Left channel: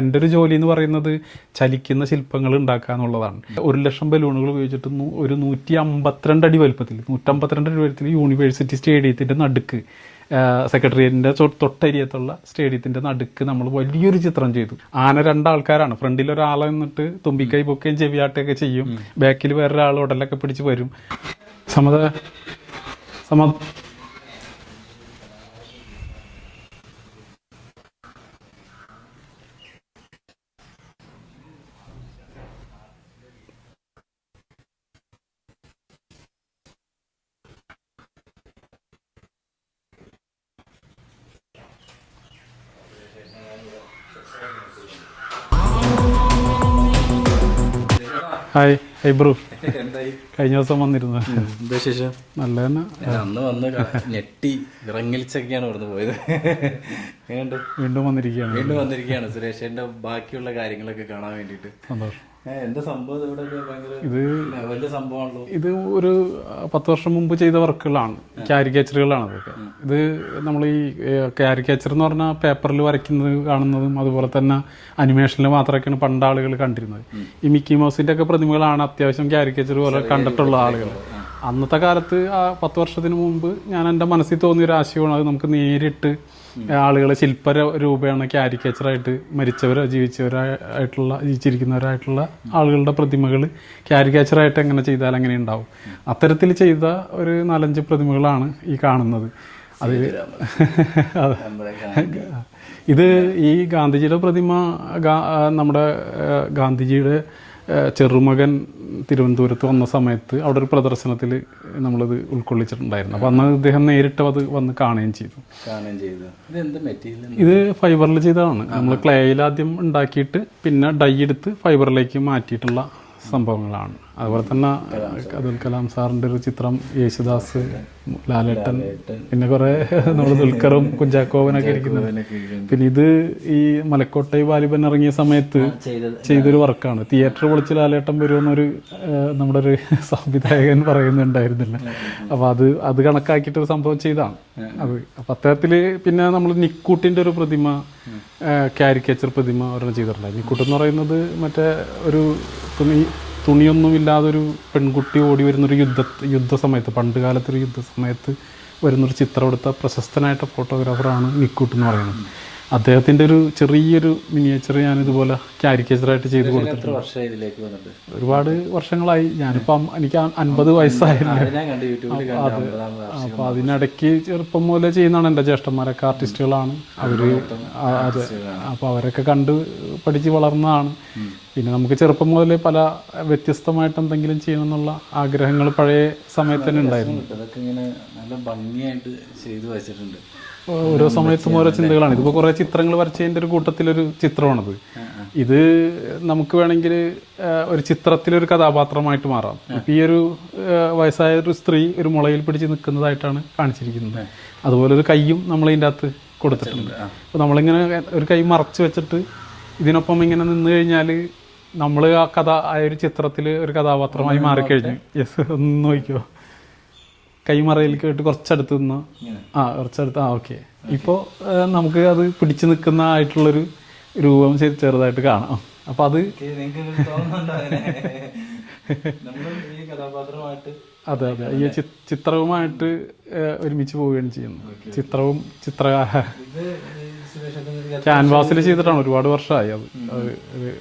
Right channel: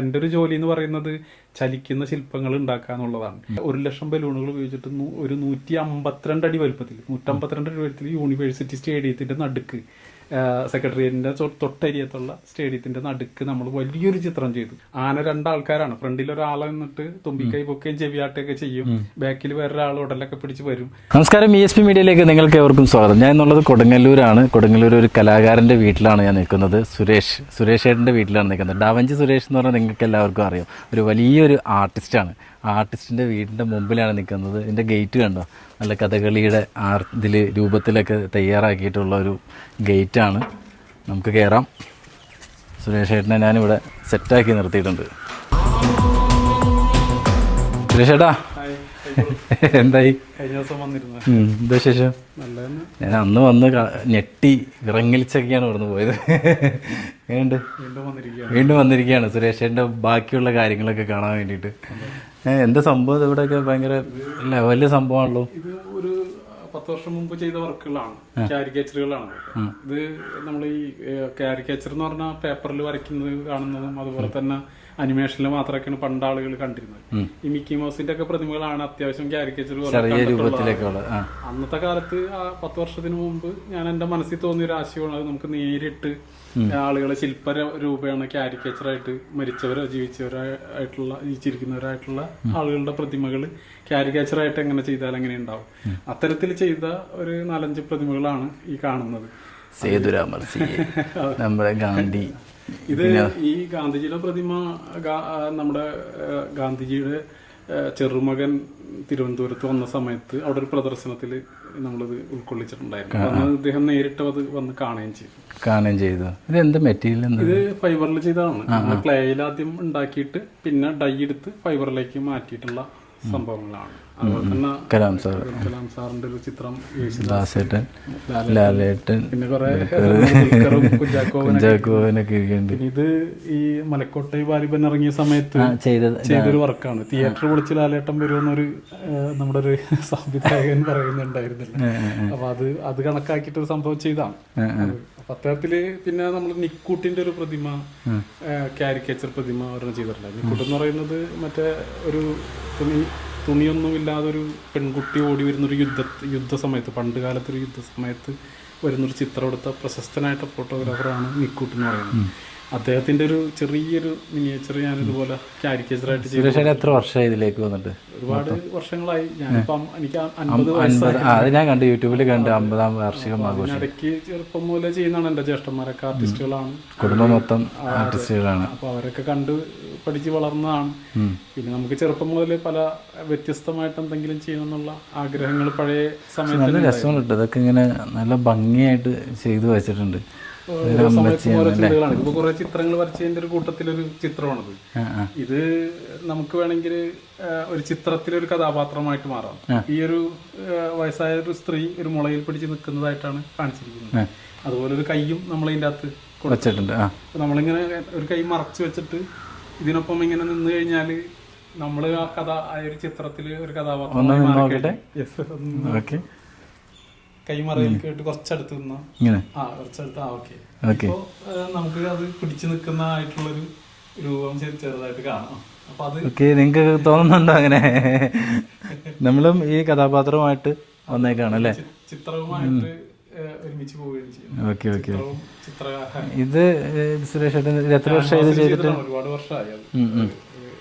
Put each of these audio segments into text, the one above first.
എന്റെ ഒരു ജോലി എന്ന് പറയുന്നത് ചലിക്കുന്ന ശില്പങ്ങൾ ഉണ്ടാക്കുക എന്നുള്ളതാണ്. ഒരു ലക്ഷം ബലൂണുകൾ ഉപയോഗിച്ചിട്ട് ഒരു നൂറ്റി അമ്പത്തിരണ്ട് അടി വലുപ്പത്തിൽ നൂറ്റമ്പത്തിരണ്ട് അടി വലുപ്പത്തിൽ യൂണിവേഴ്സിറ്റി സ്റ്റേഡിയത്തിന്റെ നടുക്ക് സെക്രട്ടേറിയറ്റിന്റെ തൊട്ടരിയത്തുള്ള സ്റ്റേഡിയത്തിന്റെ നടുക്ക് നമ്മൾ വലിയൊരു ചിത്രം ചെയ്തു. ആന രണ്ടാൾക്കാരാണ്. ഫ്രണ്ടിൽ ഒരാളെ നിന്നിട്ട് തുമ്പിക്കൈ പൊക്കുകയും ചെവിയാട്ടുകയൊക്കെ ചെയ്യും. ബാക്കിൽ വേറൊരാൾ ഉടലൊക്കെ പിടിച്ച് വരും. നമസ്കാരം ഇ എസ് പി മീഡിയയിലേക്ക് നിങ്ങൾക്ക് ഏവർക്കും സ്വാഗതം. ഞാൻ എന്നുള്ളത് കൊടുങ്ങല്ലൂരാണ്. കൊടുങ്ങല്ലൂർ ഒരു കലാകാരന്റെ വീട്ടിലാണ് ഞാൻ നിൽക്കുന്നത്. സുരേഷ് സുരേഷ് ഏട്ടന്റെ വീട്ടിലാണ് നിൽക്കുന്നത്. ഡാവഞ്ചി സുരേഷ് എന്ന് പറഞ്ഞാൽ നിങ്ങൾക്ക് എല്ലാവർക്കും അറിയാം. ഒരു വലിയൊരു ആർട്ടിസ്റ്റാണ് ആർട്ടിസ്റ്റിന്റെ വീടിന്റെ മുമ്പിലാണ് നിൽക്കുന്നത്. ഇതിന്റെ ഗേറ്റ് കണ്ടോ? നല്ല കഥകളിയുടെ ആർ ഇതിൽ രൂപത്തിലൊക്കെ തയ്യാറാക്കിയിട്ടുള്ള ഒരു ഗേറ്റാണ്. നമുക്ക് കയറാം സുരേഷ് ഏട്ടനെ ഞാനിവിടെ സെറ്റാക്കി നിർത്തിയിട്ടുണ്ട്. സുരേഷ് ഏട്ടാ. ഹായ്. Hi bro. എന്തായി? കഴിഞ്ഞ ദിവസം വന്നിരുന്നു. എന്താ ശേഷം നല്ല തന്നെ ഞാൻ അന്ന് വന്ന് ഞെട്ടി ഇറങ്ങലിച്ചൊക്കെയാണ് ഇവിടുന്ന് പോയത്. എങ്ങനെയുണ്ട്? വീണ്ടും വന്നിരിക്കുകയാണ്. വീണ്ടും വന്നിരിക്കുകയാണ് സുരേഷേന്റെ ബാക്കിയുള്ള കാര്യങ്ങളൊക്കെ കാണാൻ വേണ്ടിയിട്ട്. എന്താ സംഭവം ഇവിടെയൊക്കെ ഭയങ്കര വലിയ സംഭവമാണല്ലോ. ഇത് ഒരു പത്ത് വർഷം മുമ്പ് ചെയ്ത വർക്കുകളാണ്. കാരിക്കേച്ചറുകളാണ് ഇത് നമ്മൾ ഈ കാരിക്കേച്ചർ എന്ന് പറഞ്ഞാൽ പേപ്പറിൽ വരയ്ക്കുന്നത് കാണുന്നതും അതുപോലെ തന്നെ അനിമേഷനിൽ മാത്രമൊക്കെയാണ് പണ്ട് ആളുകൾ കണ്ടിരുന്നത്. ഈ മിക്കി മൗസിന്റെ ഒക്കെ പ്രതിമകളാണ് അത്യാവശ്യം കാരിക്കേച്ചർ പോലെ കണ്ടിട്ടുള്ള ആളുകൾ. അന്നത്തെ കാലത്ത് ആ പത്ത് വർഷത്തിന് മുമ്പ് ഞാൻ എന്റെ മനസ്സിൽ തോന്നിയ ഒരു ആശയമാണ് അത് നമുക്ക് നേരിട്ട് ആളുകളെ ശില്പ രൂപയാണ് ക്യാരിക്കേച്ചറായിട്ട് മരിച്ചവരോ ജീവിച്ചവരായിട്ടുള്ള ജീവിച്ചിരിക്കുന്നവരായിട്ടുള്ള ആളുകളുടെ പ്രതിമകൾ ക്യാരിക്കേച്ചറായിട്ട് എങ്ങനെ ചെയ്താൽ അങ്ങനെ ഉണ്ടാവും? അത്തരത്തിൽ ചെയ്ത ഒരു നാലഞ്ച് പ്രതിമകളാണ് ഈ കാണുന്നത്. നമ്മുടെ ഗാന്ധി. ഇത് ഈ ഗാന്ധിജിയുടെ പ്രതിമ നമ്മുടെ ഗാന്ധിജിയുടെ ചെറുമകൻ തിരുവനന്തപുരത്ത് വന്ന സമയത്ത് അവിടെ ഒരു പ്രദർശനത്തിൽ നമ്മളത് ഉൾക്കൊള്ളിച്ചിട്ടുണ്ടായിരുന്നു. അപ്പം അന്ന് അദ്ദേഹം നേരിട്ട് അത് വന്ന് കാണുകയും ചെയ്തു. കാണുകയും ചെയ്തു. ഇത് എന്ത് മെറ്റീരിയൽ ഇത് ഫൈബറിൽ ചെയ്തതാണ്. നമ്മൾ ക്ലേയിൽ ആദ്യം ഉണ്ടാക്കിയിട്ട് പിന്നെ ഡൈ എടുത്ത് ഫൈബറിലേക്ക് മാറ്റിയിട്ടുള്ള സംഭവങ്ങളാണ്. അതുപോലെ തന്നെ കലാം സാർ. കലാം സാറിന്റെ ഒരു ചിത്രം യേശുദാസ് ലാലേട്ടൻ, പിന്നെ കുറെ ദുൽഖറും കുഞ്ചാക്കോവനൊക്കെ പിന്നെ ഇത് ഈ മലക്കോട്ടൈ വാലിബൻ ഇറങ്ങിയ സമയത്ത് ചെയ്തൊരു വർക്കാണ്. തിയേറ്റർ വിളിച്ച് ലാലേട്ടൻ വരുമെന്നൊരു നമ്മുടെ ഒരു സംവിധായകൻ പറയുന്നുണ്ടായിരുന്നില്ല. അപ്പൊ അത് അത് കണക്കാക്കിയിട്ട് ഒരു സംഭവം ചെയ്താണ് അപ്പൊ അത്തരത്തിൽ പിന്നെ നമ്മൾ നിക്കൂട്ടിന്റെ ഒരു പ്രതിമ കാരിക്കേച്ചർ പ്രതിമ ഒരെണ്ണം ചെയ്തിട്ടുണ്ട് നിക്കൂട്ട് എന്ന് പറയുന്നത് മറ്റേ ഒരു തുണി തുണിയൊന്നും ഇല്ലാതെ ഒരു പെൺകുട്ടി ഓടി വരുന്നൊരു യുദ്ധ യുദ്ധ സമയത്ത് പണ്ട് കാലത്തൊരു യുദ്ധ സമയത്ത് വരുന്നൊരു ചിത്രം എടുത്ത പ്രശസ്തനായിട്ട് ഫോട്ടോഗ്രാഫറാണ് നിക്കൂട്ട് എന്ന് പറയുന്നത്. അദ്ദേഹത്തിന്റെ ഒരു ചെറിയൊരു മിനിയേച്ചർ ഞാൻ ഇതുപോലെ കാരിക്കേച്ചറായിട്ട് ചെയ്ത് എത്ര വർഷമായി ഇതിലേക്ക് വന്നിട്ട്? ഒരുപാട് വർഷങ്ങളായി. ഞാനിപ്പം എനിക്ക് അൻപത് വയസ്സായി. ഞാൻ കണ്ടു യൂട്യൂബിൽ കണ്ട് അമ്പതാം വാർഷികം അതിനിടയ്ക്ക് ചെറുപ്പം മുതലേ ചെയ്യുന്നതാണ് എന്റെ ജ്യേഷ്ഠന്മാരൊക്കെ ആർട്ടിസ്റ്റുകളാണ്. അപ്പോൾ മൊത്തം ആർട്ടിസ്റ്റുകളാണ്. അപ്പൊ അവരൊക്കെ കണ്ട് പഠിച്ച് വളർന്നതാണ്. പിന്നെ നമുക്ക് ചെറുപ്പം മുതൽ പല വ്യത്യസ്തമായിട്ട് എന്തെങ്കിലും ചെയ്യണമെന്നുള്ള ആഗ്രഹങ്ങൾ പഴയ സമയത്ത് രസമുണ്ട് ഇതൊക്കെ ഇങ്ങനെ നല്ല ഭംഗിയായിട്ട് ചെയ്തു വെച്ചിട്ടുണ്ട്. ഓരോ സമയത്തും ഓരോ ചിന്തകളാണ്. ഇതിപ്പോ കുറെ ചിത്രങ്ങൾ വരച്ചതിന്റെ ഒരു കൂട്ടത്തിലൊരു ചിത്രമാണത്. ഇത് നമുക്ക് വേണമെങ്കിൽ ഒരു ചിത്രത്തിലൊരു കഥാപാത്രമായിട്ട് മാറാം. ഈ ഒരു വയസ്സായ ഒരു സ്ത്രീ ഒരു മുളയിൽ പിടിച്ച് നിൽക്കുന്നതായിട്ടാണ് കാണിച്ചിരിക്കുന്നത്. അതുപോലെ ഒരു കൈയും നമ്മൾ ഇതിന്റെ അകത്ത് കൊടുത്തിട്ടുണ്ട്. അപ്പൊ നമ്മളിങ്ങനെ ഒരു കൈ മറച്ചു വെച്ചിട്ട് ഇതിനൊപ്പം ഇങ്ങനെ നിന്ന് കഴിഞ്ഞാൽ നമ്മൾ ആ കഥ ആ ഒരു ചിത്രത്തിൽ ഒരു കഥാപാത്രമായി മാറിക്കഴിഞ്ഞു. യെസ് ഒന്ന് നോക്കിയോ കൈമറയിൽ കേട്ട് കുറച്ചടുത്ത് നിന്നോ. ആ കുറച്ചടുത്ത് ആ ഓക്കെ. ഇപ്പോ നമുക്ക് അത് പിടിച്ചു നിൽക്കുന്ന ആയിട്ടുള്ളൊരു രൂപം ശരി ചെറുതായിട്ട് കാണാം. അപ്പൊ അത് നിങ്ങക്ക് നിങ്ങൾക്ക് തോന്നുന്നുണ്ടോ അങ്ങനെ? നമ്മളും ഈ കഥാപാത്രമായിട്ട് ചിത്രവുമായിട്ട് ഒരുമിച്ച് പോവുകയാണ് ചെയ്യുന്നത് ചിത്രവും ചിത്രകാര ഇത് ക്യാൻവാസിൽ ചെയ്തിട്ടാണ് ഒരുപാട് വർഷമായി അത്.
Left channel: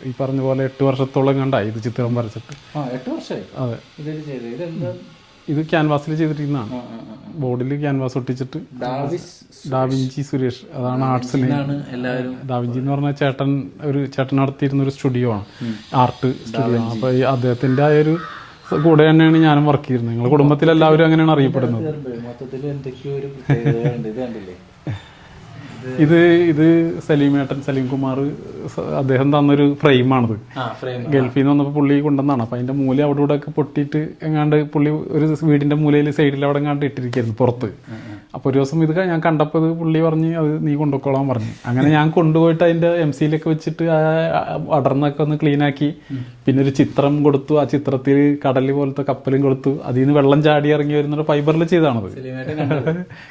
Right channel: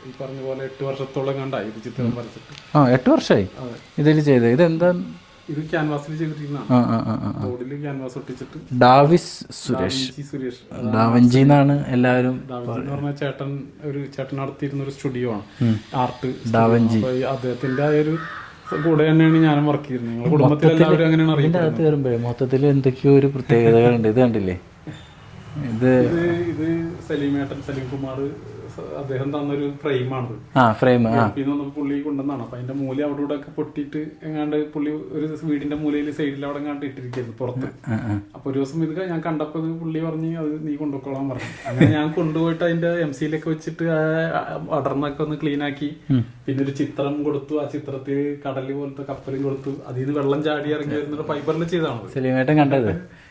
ഈ പറഞ്ഞ പോലെ എട്ട് വർഷത്തോളം കണ്ടായി ഇത് ചിത്രം വരച്ചിട്ട്. ആ എട്ട് വർഷമായി? അതെ. ഇതിൽ ചെയ്ത്. ഇത് എന്താ ഇത് ക്യാൻവാസിൽ ചെയ്തിരിക്കുന്നതാണ്. ബോർഡിൽ ക്യാൻവാസ് ഒട്ടിച്ചിട്ട് ഡാവിസ് ഡാവിഞ്ചി സുരേഷ്. അതാണ് ഡാവിഞ്ചി എന്നാണ് എല്ലാവരും ഡാവിഞ്ചി എന്ന് പറഞ്ഞ ചേട്ടൻ ഒരു ചേട്ടൻ നടത്തിയിരുന്ന ഒരു സ്റ്റുഡിയോ ആണ്. ആർട്ട് ഡാവിഞ്ചി ഈ അദ്ദേഹത്തിന്റെ ആ ഒരു കൂടെ തന്നെയാണ് ഞാനും വർക്ക് ചെയ്യുന്നത് നിങ്ങളുടെ കുടുംബത്തിൽ എല്ലാവരും അങ്ങനെയാണ് അറിയപ്പെടുന്നത്. മൊത്തത്തിൽ എന്തൊക്കെയോ ഒരു പ്രത്യേകതകളുണ്ട്. ഇത് കണ്ടില്ലേ? ഇത് ഇത് സലീം ഏട്ടൻ സലീം കുമാർ അദ്ദേഹം തന്നൊരു ഫ്രെയിമാണത്. ഗൾഫിൽ നിന്ന് വന്നപ്പോൾ പുള്ളി കൊണ്ടുവന്നാണ്. അപ്പൊ അതിന്റെ മൂല അവിടെ ഇവിടെ ഒക്കെ പൊട്ടിയിട്ട് എങ്ങാണ്ട് പുള്ളി ഒരു വീടിന്റെ മൂലയിൽ സൈഡിൽ അവിടെ എങ്ങാണ്ട് ഇട്ടിരിക്കുന്നു പുറത്ത്. അപ്പൊ ഒരു ദിവസം ഇത് ഞാൻ കണ്ടപ്പോൾ ഇത് പുള്ളി പറഞ്ഞ് അത് നീ കൊണ്ടുപോയിക്കോളാൻ പറഞ്ഞു. അങ്ങനെ ഞാൻ കൊണ്ടുപോയിട്ട് അതിന്റെ എം സിയിലൊക്കെ വെച്ചിട്ട് ആ അടർന്നൊക്കെ ഒന്ന് ക്ലീൻ ആക്കി. പിന്നെ ഒരു ചിത്രം കൊടുത്തു. ആ ചിത്രത്തിൽ കടൽ പോലത്തെ കപ്പലും കൊടുത്തു. അതിൽ നിന്ന് വെള്ളം ചാടി ഇറങ്ങി വരുന്ന ഫൈബറിൽ ചെയ്താണത്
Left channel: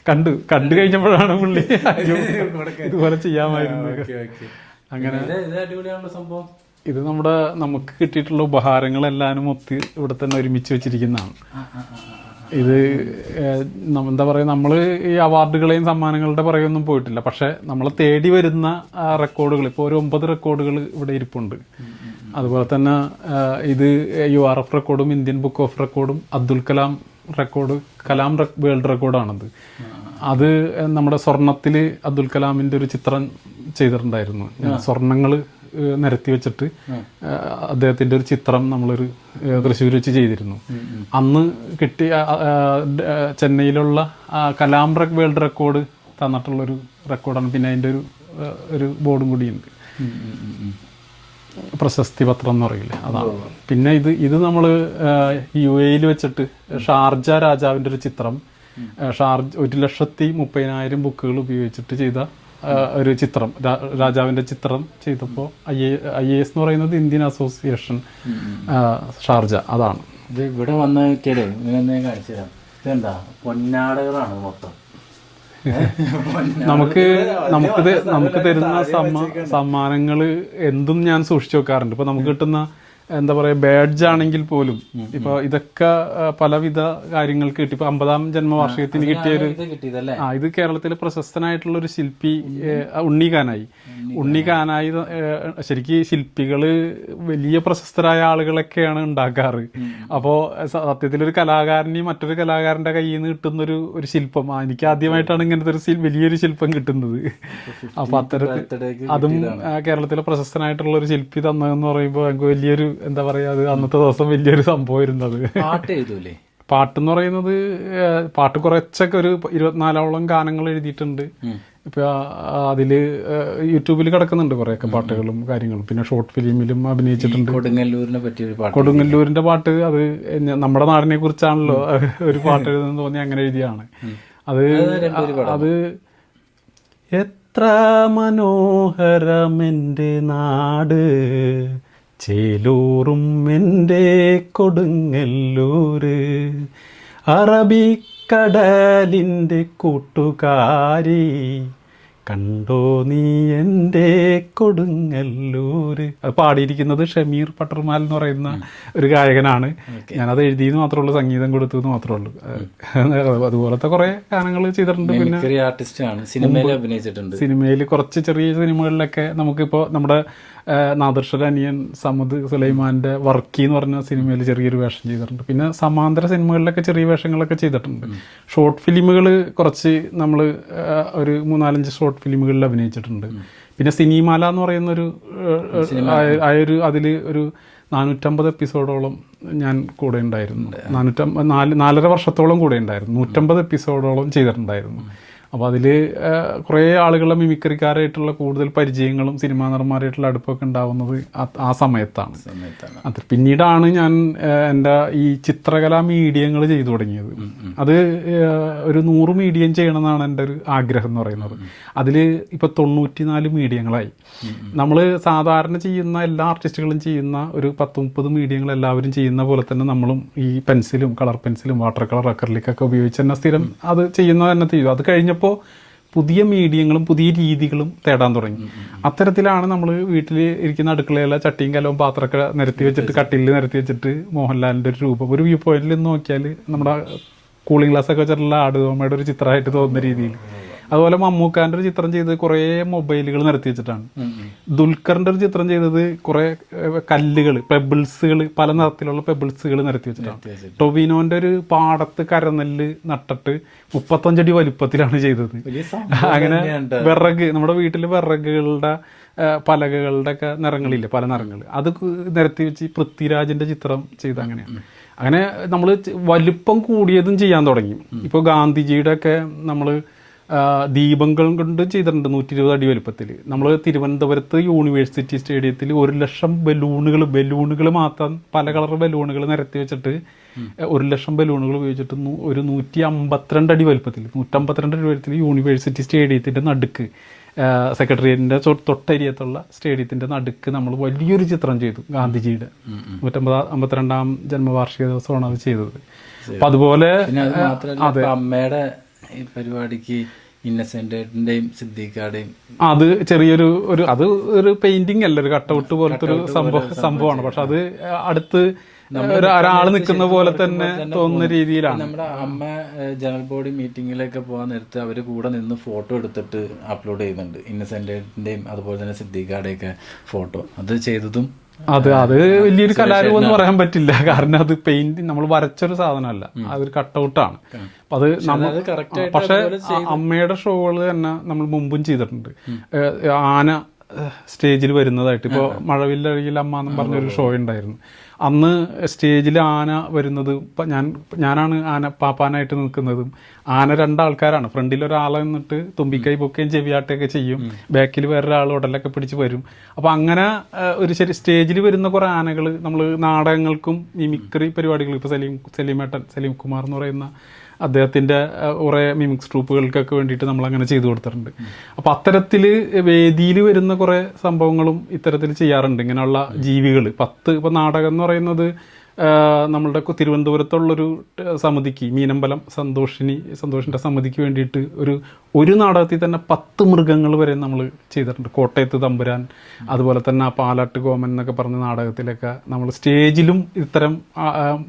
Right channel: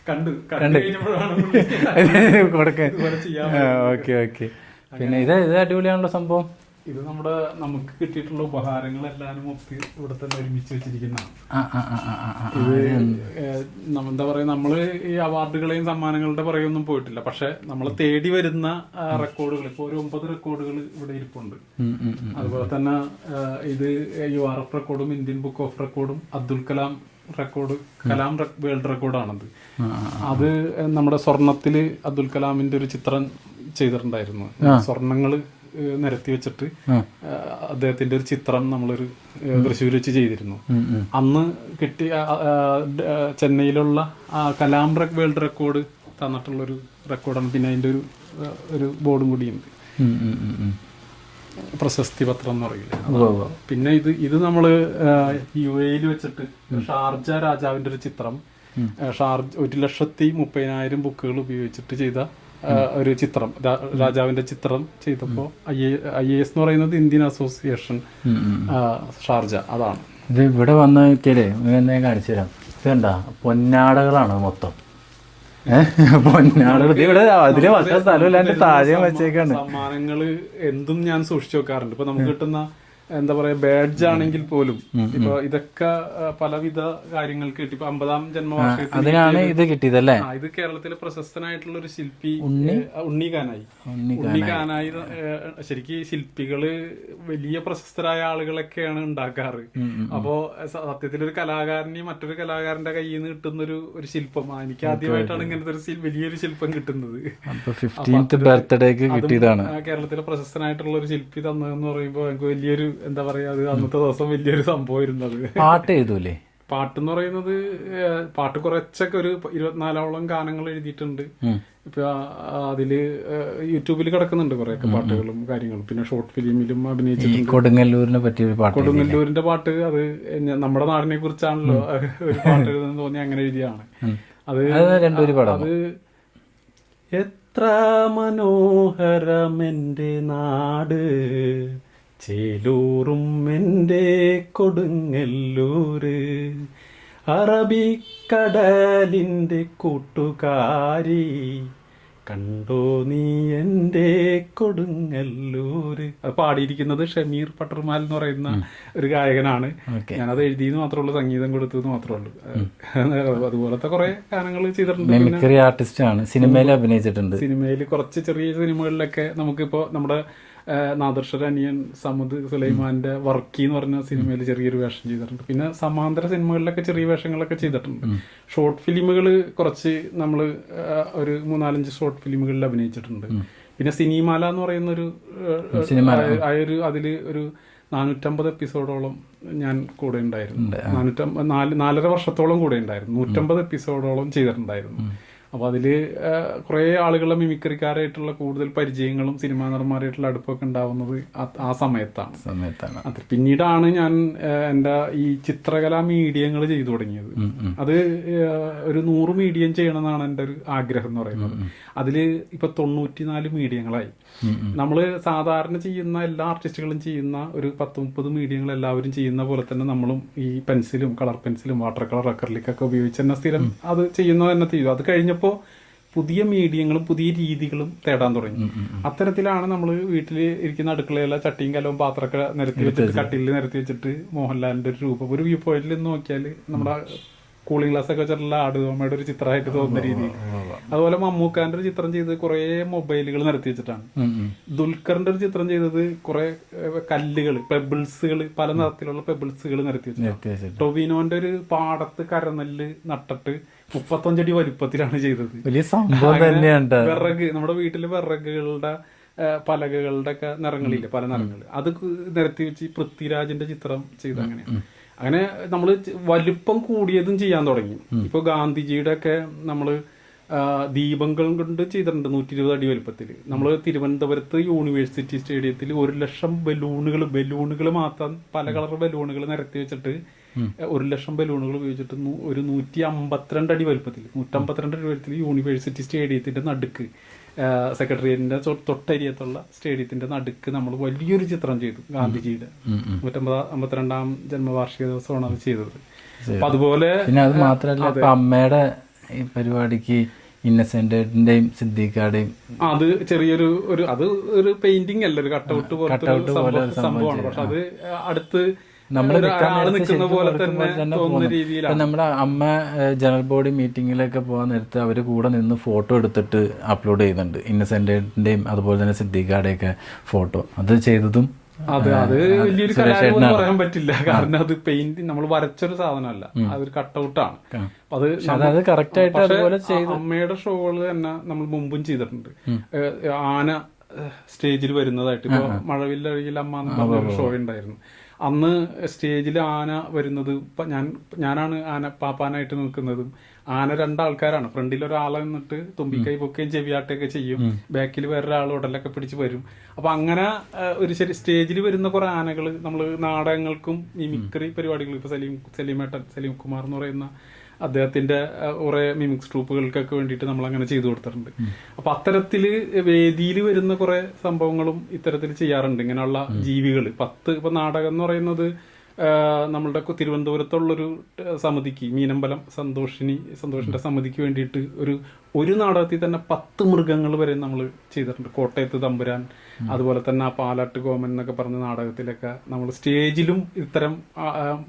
കണ്ടു. കണ്ടു കഴിഞ്ഞപ്പോഴാണ് പുള്ളി ഇതുപോലെ ചെയ്യാൻ ഓക്കെ ഓക്കെ. പിന്നെ ഇത് ഇത് അടിപൊളിയാണല്ലോ സംഭവം. ഇത് നമ്മുടെ നമുക്ക് കിട്ടിയിട്ടുള്ള ഉപഹാരങ്ങളെല്ലാനും ഒത്തി ഇവിടെ തന്നെ ഒരുമിച്ച് വെച്ചിരിക്കുന്നതാണ്. ഇത് എന്താ പറയുക നമ്മൾ ഈ അവാർഡുകളെയും സമ്മാനങ്ങളുടെ പുറകെയൊന്നും പോയിട്ടില്ല. പക്ഷെ നമ്മളെ തേടി വരുന്ന റെക്കോർഡുകൾ ഇപ്പോൾ ഒരു ഒമ്പത് റെക്കോർഡുകൾ ഇവിടെ ഇരിപ്പുണ്ട്. അതുപോലെ തന്നെ ഇത് യു ആർ എഫ് റെക്കോർഡും ഇന്ത്യൻ ബുക്ക് ഓഫ് റെക്കോർഡും അബ്ദുൽ കലാം റെക്കോർഡ് കലാം വേൾഡ് റെക്കോർഡാണിത്. അത് നമ്മുടെ സ്വർണത്തിൽ അബ്ദുൽ കലാമിന്റെ ഒരു ചിത്രം ചെയ്തിട്ടുണ്ടായിരുന്നു. സ്വർണങ്ങൾ നിരത്തി വെച്ചിട്ട് അദ്ദേഹത്തിന്റെ ഒരു ചിത്രം നമ്മളൊരു തൃശ്ശൂർ വെച്ച് ചെയ്തിരുന്നു. അന്ന് കിട്ടിയ ചെന്നൈയിലുള്ള കലാം റെക് വേൾഡ് റെക്കോർഡ് തന്നിട്ടുള്ളൊരു റെക്കോർഡാണ്. പിന്നെ അതിന്റെ ഒരു ഒരു ബോർഡും കൂടിയുണ്ട്. പ്രശസ്തി പത്രം എന്ന് പറയില്ല. പിന്നെ ഇത് ഇത് നമ്മൾ യു എയിൽ വെച്ചിട്ട് ഷാർജ രാജാവിന്റെ ഒരു ചിത്രം ഷാർജ ഒരു ലക്ഷത്തി മുപ്പതിനായിരം ബുക്കുകൾ ഉപയോഗിച്ചിട്ട് ചെയ്ത ഒരു ചിത്രം. രാജാവിന്റെ ചിത്രം ചെയ്തപ്പോൾ ഐ എസ് എന്ന് പറയുന്നത് ഇന്ത്യൻ അസോസിയേഷൻ. ഷാർജ അതാണ്. ഇത് ഇവിടെ വന്ന് നോക്കിയാലേ ഞാൻ കാണിച്ചു തരാം. ഇതെന്താ? പൊന്നാടകളാണ് മൊത്തം. സമ്മാനങ്ങൾ എന്തും ഞാൻ സൂക്ഷിച്ചു വെക്കാറുണ്ട്. ഇപ്പൊ നമുക്ക് കിട്ടുന്ന എന്താ പറയാ ബാഡ്ജ് ആണെങ്കിൽ പോലും ഇപ്പൊ ഇതൊക്കെ പലവിധ കാര്യങ്ങൾ കിട്ടി ഇപ്പൊ അമ്പതാം ജന്മവാർഷികത്തിന് ഇത് കിട്ടിയതല്ലേ? ഇത് കേരളത്തിലെ പ്രശസ്തനായിട്ടുള്ള ഒരു ശില്പി ഏ, ഉണ്ണി കാനായി ഉണ്ണി കാനായി ശരിക്കും ശില്പികൾ വലിയ പ്രശസ്തരായ ആളുകളൊക്കെയാണ് ഉണ്ടാക്കാറ്. അപ്പോ സത്യത്തിൽ ഒരു കലാകാരനെയും മറ്റൊരു കലാകാരന്റെ കയ്യിൽ നിന്ന് കിട്ടുന്ന ഒരു ഒരു ശില്പം എനിക്ക് ആദ്യമായിട്ടാണ് ഇങ്ങനത്തെ ഒരു വലിയൊരു ശില്പം കിട്ടുന്നത്. കേരളത്തിലെ പ്രശസ്തനായിട്ടുള്ള ഒരു ശില്പി തന്നതെന്ന് പറയുമ്പോൾ എനിക്ക് വലിയൊരു എന്താ പറയാ അത് അന്നത്തെ ദിവസം വലിയൊരു സംഭവമായിരുന്നു അത്. പാട്ട് എഴുതൂലേ? പാട്ടെന്ന് പറയുന്നത് പാട്ട് കുറച്ചൊക്കെ ഒരു ഇരുപത്തിനാലോളം ഗാനങ്ങൾ എഴുതിയിട്ടുണ്ട്. ഇപ്പൊ അതിൽ യൂട്യൂബിൽ കിടക്കുന്നുണ്ട് കുറെയൊക്കെ പാട്ടുകളും കാര്യങ്ങളും. പിന്നെ ഷോർട്ട് ഫിലിമിലും അഭിനയിച്ചിട്ടുണ്ട്. കൊടുങ്ങല്ലൂരിനെ പറ്റിയ പാട്ട് കൊടുങ്ങല്ലൂരിന്റെ പാട്ട് അത് നമ്മുടെ നാടിനെ കുറിച്ചാണല്ലോ ഒരു പാട്ട് എഴുതുന്ന തോന്നി അങ്ങനെ എഴുതിയാണ് അത് അത് എത്ര മനോഹരമെന്റെ നാട്. ചേലൂറും എന്റെ കൊടുങ്ങല്ലൂര്. അറബിക്കടലിന്റെ കൂട്ടുകാരി കണ്ടോ നീ എന്റെ കൊടുങ്ങല്ലൂര്. അത് പാടിയിരിക്കുന്നത് ഷമീർ പട്ടർമാൽ എന്ന് പറയുന്ന ഒരു ഗായകനാണ്. ഞാനത് എഴുതിയെന്ന് മാത്രമേ ഉള്ളൂ സംഗീതം കൊടുത്തത് മാത്രമേ ഉള്ളൂ അതുപോലത്തെ കുറേ ഗാനങ്ങൾ ചെയ്തിട്ടുണ്ട്. പിന്നെ മിമിക്രി ആർട്ടിസ്റ്റ് ആണ് സിനിമയിൽ അഭിനയിച്ചിട്ടുണ്ട്. സിനിമയിൽ കുറച്ച് ചെറിയ സിനിമകളിലൊക്കെ നമുക്കിപ്പോൾ നമ്മുടെ നാദർഷൽ അനിയൻ സമദ് സുലൈമാന്റെ വർക്കി എന്ന് പറഞ്ഞ സിനിമയിൽ ചെറിയൊരു വേഷം ചെയ്തിട്ടുണ്ട്. പിന്നെ സമാന്തര സിനിമകളിലൊക്കെ ചെറിയ വേഷങ്ങളൊക്കെ ചെയ്തിട്ടുണ്ട്. ഷോർട്ട് ഫിലിമുകൾ കുറച്ച് നമ്മൾ ഒരു മൂന്നാലഞ്ച് ഷോർട്ട് ഫിലിമുകളിൽ അഭിനയിച്ചിട്ടുണ്ട്. പിന്നെ സിനിമാല എന്ന് പറയുന്ന ഒരു ഏഹ്, ആ ഒരു അതിൽ ഒരു നാനൂറ്റമ്പത് എപ്പിസോഡോളം ഞാൻ കൂടെ ഉണ്ടായിരുന്നു. നാനൂറ്റമ്പത് നാല് നാലര വർഷത്തോളം കൂടെ ഉണ്ടായിരുന്നു. നൂറ്റമ്പത് എപ്പിസോഡോളം ചെയ്തിട്ടുണ്ടായിരുന്നു. അപ്പോൾ അതിൽ കുറേ ആളുകളെ മിമിക്രിക്കാരായിട്ടുള്ള കൂടുതൽ പരിചയങ്ങളും സിനിമാ നടന്മാരായിട്ടുള്ള അടുപ്പൊക്കെ ഉണ്ടാവുന്നത് ആ- സമയത്താണ്. സമയത്താണ്. അത് പിന്നീടാണ് ഞാൻ എന്റെ ഈ ചിത്രകലാ മീഡിയങ്ങൾ ചെയ്തു തുടങ്ങിയത്. അത് ഒരു നൂറ് മീഡിയം ചെയ്യണമെന്നാണ് എന്റെ ഒരു ആഗ്രഹം എന്ന് പറയുന്നത്. അതിൽ ഇപ്പോൾ തൊണ്ണൂറ്റിനാല് മീഡിയങ്ങളായി. നമ്മൾ സാധാരണ ചെയ്യുന്ന എല്ലാ ആർട്ടിസ്റ്റുകളും ചെയ്യുന്ന ഒരു പത്ത് മുപ്പത് മീഡിയങ്ങൾ എല്ലാവരും ചെയ്യുന്ന പോലെ തന്നെ നമ്മളും ഈ പെൻസിലും കളർ പെൻസിലും വാട്ടർ കളർ അക്കറിലേക്കൊക്കെ ഉപയോഗിച്ച് തന്നെ സ്ഥിരം അത് ചെയ്യുന്ന തന്നെ ചെയ്തു അത് കഴിഞ്ഞപ്പോൾ പുതിയ മീഡിയങ്ങളും പുതിയ രീതികളും തേടാൻ തുടങ്ങി. അത്തരത്തിലാണ് നമ്മൾ വീട്ടിൽ ഇരിക്കുന്ന അടുക്കളയിലെ ചട്ടിയും കലവും പാത്രമൊക്കെ നിരത്തി വെച്ചിട്ട് കട്ടിലിൽ നിരത്തി വെച്ചിട്ട് മോഹൻലാലിന്റെ ഒരു രൂപം. ഒരു വ്യൂ പോയിന്റിൽ നോക്കിയാൽ നമ്മുടെ കൂളിംഗ് ഗ്ലാസ് ഒക്കെ വെച്ചിട്ടുള്ള ആടുതോമയുടെ ഒരു ചിത്രമായിട്ട് തോന്നുന്ന രീതിയിൽ. അതുപോലെ മമ്മൂക്കാന്റെ ഒരു ചിത്രം ചെയ്ത് കുറേ മൊബൈലുകൾ നിർത്തി വെച്ചിട്ടാണ്. ദുൽഖറിന്റെ ഒരു ചിത്രം ചെയ്തത് കുറെ കല്ലുകൾ പെബിൾസുകൾ പല നിറത്തിലുള്ള പെബിൾസുകൾ നിരത്തി വെച്ചിട്ടാണ്. ടൊവിനോന്റെ ഒരു പാടത്ത് കരനെല്ല് നട്ടിട്ട് മുപ്പത്തഞ്ചടി വലുപ്പത്തിലാണ് ചെയ്തത്. അങ്ങനെ വിറക് നമ്മുടെ വീട്ടിൽ വിറകുകളുടെ പലകകളുടെ ഒക്കെ നിറങ്ങളില്ലേ പല നിറങ്ങൾ. അത് നിരത്തി വെച്ച് പൃഥ്വിരാജിന്റെ ചിത്രം ചെയ്ത് അങ്ങനെയാണ്. അങ്ങനെ നമ്മൾ വലുപ്പം കൂടിയതും ചെയ്യാൻ തുടങ്ങി. ഇപ്പോൾ ഗാന്ധിജിയുടെ ഒക്കെ നമ്മൾ ദീപങ്ങൾ കൊണ്ട് ചെയ്തിട്ടുണ്ട് നൂറ്റി ഇരുപത് അടി വലുപ്പത്തിൽ നമ്മൾ തിരുവനന്തപുരത്ത് യൂണിവേഴ്സിറ്റി സ്റ്റേഡിയത്തിൽ ഒരു ലക്ഷം ബലൂണുകൾ ബലൂണുകൾ മാത്രം പല കളർ ബലൂണുകൾ നിരത്തി വെച്ചിട്ട് ഒരു ലക്ഷം ബലൂണുകൾ ഉപയോഗിച്ചിട്ട് ഒരു നൂറ്റി അമ്പത്തിരണ്ട് അടി വലുപ്പത്തിൽ നൂറ്റമ്പത്തിരണ്ട് അടി വലുപ്പത്തിൽ യൂണിവേഴ്സിറ്റി സ്റ്റേഡിയത്തിന്റെ നടുക്ക് സെക്രട്ടേറിയറ്റിന്റെ തൊട്ടരിയത്തുള്ള സ്റ്റേഡിയത്തിന്റെ നടുക്ക് നമ്മൾ വലിയൊരു ചിത്രം ചെയ്തു ഗാന്ധിജിയുടെ. നൂറ്റമ്പത് അമ്പത്തിരണ്ടാം ജന്മവാർഷിക ദിവസമാണ് അത് ചെയ്തത്. അപ്പൊ അതുപോലെ അമ്മയുടെ ഈ പരിപാടിക്ക് ഇന്നസെന്റിന്റെയും സിദ്ദീഖാടെയും അത് ചെറിയൊരു ഒരു അത് ഒരു പെയിന്റിംഗ് അല്ല ഒരു കട്ടൗട്ട് പോലത്തെ ഒരു സംഭവം സംഭവമാണ്. പക്ഷെ അത് അടുത്ത് ഒരാൾ നിൽക്കുന്ന പോലെ തന്നെ തോന്നുന്ന രീതിയിലാണ്. നമ്മുടെ അമ്മ ജനറൽ ബോഡി മീറ്റിങ്ങിലൊക്കെ പോകാൻ നേരത്ത് അവർ കൂടെ നിന്ന് ഫോട്ടോ എടുത്തിട്ട് അപ്ലോഡ് ചെയ്യുന്നുണ്ട്. ഇന്നസെന്റിന്റെയും അതുപോലെ തന്നെ സിദ്ദീഖാടെയൊക്കെ ഫോട്ടോ. അത് ചെയ്തതും അത് അത് വലിയൊരു കലാരൂപം എന്ന് പറയാൻ പറ്റില്ല. കാരണം അത് പെയിന്റ് നമ്മൾ വരച്ചൊരു സാധനമല്ല. അതൊരു കട്ടൗട്ടാണ് അത് പക്ഷെ അമ്മയുടെ ഷോകൾ തന്നെ നമ്മൾ മുമ്പും ചെയ്തിട്ടുണ്ട്. ആന സ്റ്റേജിൽ വരുന്നതായിട്ട്. ഇപ്പൊ മഴവില്ലഴകിൽ അമ്മ എന്ന് പറഞ്ഞൊരു ഷോ ഉണ്ടായിരുന്നു. അന്ന് സ്റ്റേജിൽ ആന വരുന്നത് ഞാൻ ഞാനാണ് ആന പാപ്പാനായിട്ട് നിൽക്കുന്നതും. ആന രണ്ടാൾക്കാരാണ്. ഫ്രണ്ടിൽ ഒരാളെ നിന്നിട്ട് തുമ്പിക്കൈ പൊക്കുകയും ചെവിയാട്ടുകയൊക്കെ ചെയ്യും. ബാക്കിൽ വേറൊരാൾ ഉടലൊക്കെ പിടിച്ച് വരും. അപ്പോൾ അങ്ങനെ ഒരു ശരി സ്റ്റേജിൽ വരുന്ന കുറേ ആനകൾ നമ്മൾ നാടകങ്ങൾക്കും മിമിക്രി പരിപാടികൾ ഇപ്പോൾ സലീം സലീമേട്ടൻ സലീം കുമാർ എന്ന് പറയുന്ന അദ്ദേഹത്തിന്റെ കുറേ മിമിക്സ് ട്രൂപ്പുകൾക്കൊക്കെ വേണ്ടിയിട്ട് നമ്മൾ അങ്ങനെ ചെയ്തു കൊടുത്തിട്ടുണ്ട്. അപ്പൊ അത്തരത്തിൽ വേദിയിൽ വരുന്ന കുറേ സംഭവങ്ങളും ഇത്തരത്തിൽ ചെയ്യാറുണ്ട്. ഇങ്ങനെയുള്ള ജീവികൾ പത്ത് ഇപ്പൊ നാടകം എന്ന് പറയുന്നത് നമ്മളുടെ തിരുവനന്തപുരത്തുള്ളൊരു സമിതിക്ക് മീനമ്പലം സന്തോഷിനി സന്തോഷിന്റെ സമിതിക്ക് വേണ്ടിയിട്ട് ഒരു ഒരു നാടകത്തിൽ തന്നെ പത്ത് മൃഗങ്ങൾ വരെ നമ്മൾ ചെയ്തിട്ടുണ്ട്. കോട്ടയത്ത് തമ്പുരാൻ അതുപോലെ തന്നെ ആ പാലാട്ട് കോമൻ എന്നൊക്കെ പറഞ്ഞ നാടകത്തിലൊക്കെ നമ്മൾ സ്റ്റേജിലും ഇത്തരം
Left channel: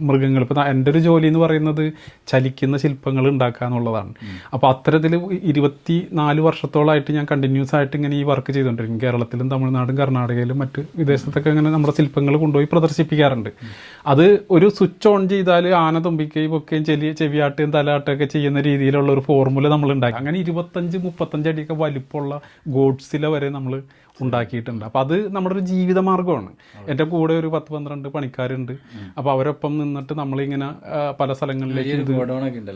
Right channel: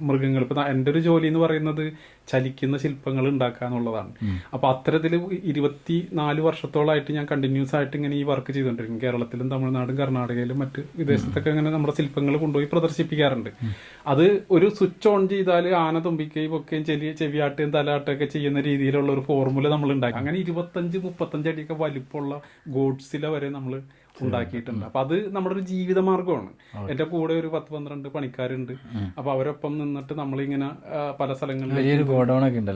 മൃഗങ്ങൾ. ഇപ്പൊ എന്റെ ഒരു ജോലി എന്ന് പറയുന്നത് ചലിക്കുന്ന ശില്പങ്ങൾ ഉണ്ടാക്കുക എന്നുള്ളതാണ്. അപ്പോൾ അത്തരത്തിൽ ഇരുപത്തി നാല് വർഷത്തോളമായിട്ട് ഞാൻ കണ്ടിന്യൂസ് ആയിട്ട് ഇങ്ങനെ ഈ വർക്ക് ചെയ്തുകൊണ്ടിരിക്കും കേരളത്തിലും തമിഴ്നാടും കർണാടകയിലും മറ്റ് വിദേശത്തൊക്കെ ഇങ്ങനെ നമ്മുടെ ശില്പങ്ങൾ കൊണ്ടുപോയി പ്രദർശിപ്പിക്കാറുണ്ട്. അത് ഒരു സ്വിച്ച് ഓൺ ചെയ്താൽ ആന തുമ്പിക്കുകയും ഒക്കെയും ചെലി ചെവിയാട്ടുകയും തലാട്ടുകയൊക്കെ ചെയ്യുന്ന രീതിയിലുള്ള ഒരു ഫോർമുല നമ്മൾ ഉണ്ടാക്കി. അങ്ങനെ ഇരുപത്തഞ്ച് മുപ്പത്തഞ്ച് അടിയൊക്കെ വലിപ്പമുള്ള ഗോഡ്സില വരെ നമ്മൾ ഉണ്ടാക്കിയിട്ടുണ്ട്. അപ്പൊ അത് നമ്മുടെ ഒരു ജീവിത മാർഗമാണ് എന്റെ കൂടെ ഒരു പത്ത് പന്ത്രണ്ട് പണിക്കാരുണ്ട്. അപ്പൊ അവരൊപ്പം നിന്നിട്ട് നമ്മളിങ്ങനെ പല സ്ഥലങ്ങളിലേക്ക്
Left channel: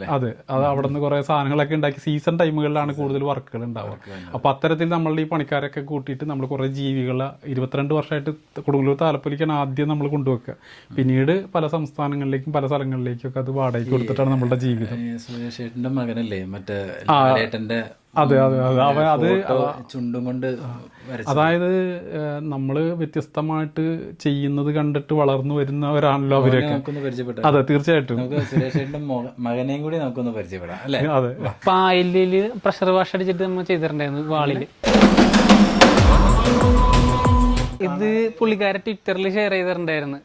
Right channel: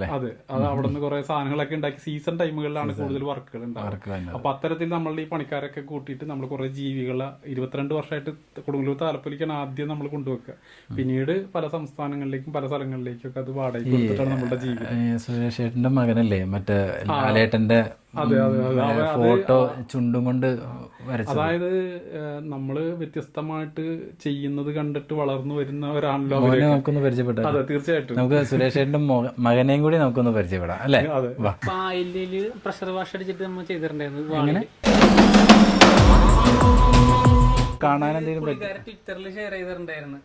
അതെ. അത് അവിടെ നിന്ന് കുറെ സാധനങ്ങളൊക്കെ ഉണ്ടാക്കി സീസൺ ടൈമുകളിലാണ് കൂടുതൽ വർക്കുകൾ ഉണ്ടാവുക. അപ്പൊ അത്തരത്തിൽ നമ്മൾ ഈ പണിക്കാരൊക്കെ കൂട്ടിയിട്ട് നമ്മൾ കുറെ ജീവികളെ ഇരുപത്തിരണ്ട് വർഷമായിട്ട് കൊടുങ്ങല്ലൂർ താലപ്പൊലിക്കാണ് ആദ്യം നമ്മൾ കൊണ്ടുവെക്കുക. പിന്നീട് പല സംസ്ഥാനങ്ങളിലേക്കും പല സ്ഥലങ്ങളിലേക്കും ഒക്കെ അത് വാടകയ്ക്ക് കൊടുത്തിട്ടാണ് നമ്മുടെ ജീവിതം. സുരേഷ് മകനല്ലേ? മറ്റേ ലാലേട്ടന്റെ അതെ അതെ അതെ. അത് ചുണ്ടും കൊണ്ട് അതായത് നമ്മൾ നമ്മൾ വ്യത്യസ്തമായിട്ട് ചെയ്യുന്നത് കണ്ടിട്ട് വളർന്നു വരുന്നവരാണല്ലോ നമുക്കൊന്ന് പരിചയപ്പെട്ടാം? അതെ തീർച്ചയായിട്ടും. നമുക്ക് സുരേഷ് ഏട്ടന്റെ മോ- മകനെയും കൂടി നമുക്കൊന്ന് പരിചയപ്പെടാം അല്ലേ? അതെ പായലിൽ പ്രഷർ വാഷ് അടിച്ചിട്ട് നമ്മൾ ചെയ്തിട്ടുണ്ടായിരുന്നു പുള്ളിക്കാരെ ട്വിറ്ററിൽ ഷെയർ ചെയ്തിട്ടുണ്ടായിരുന്നു.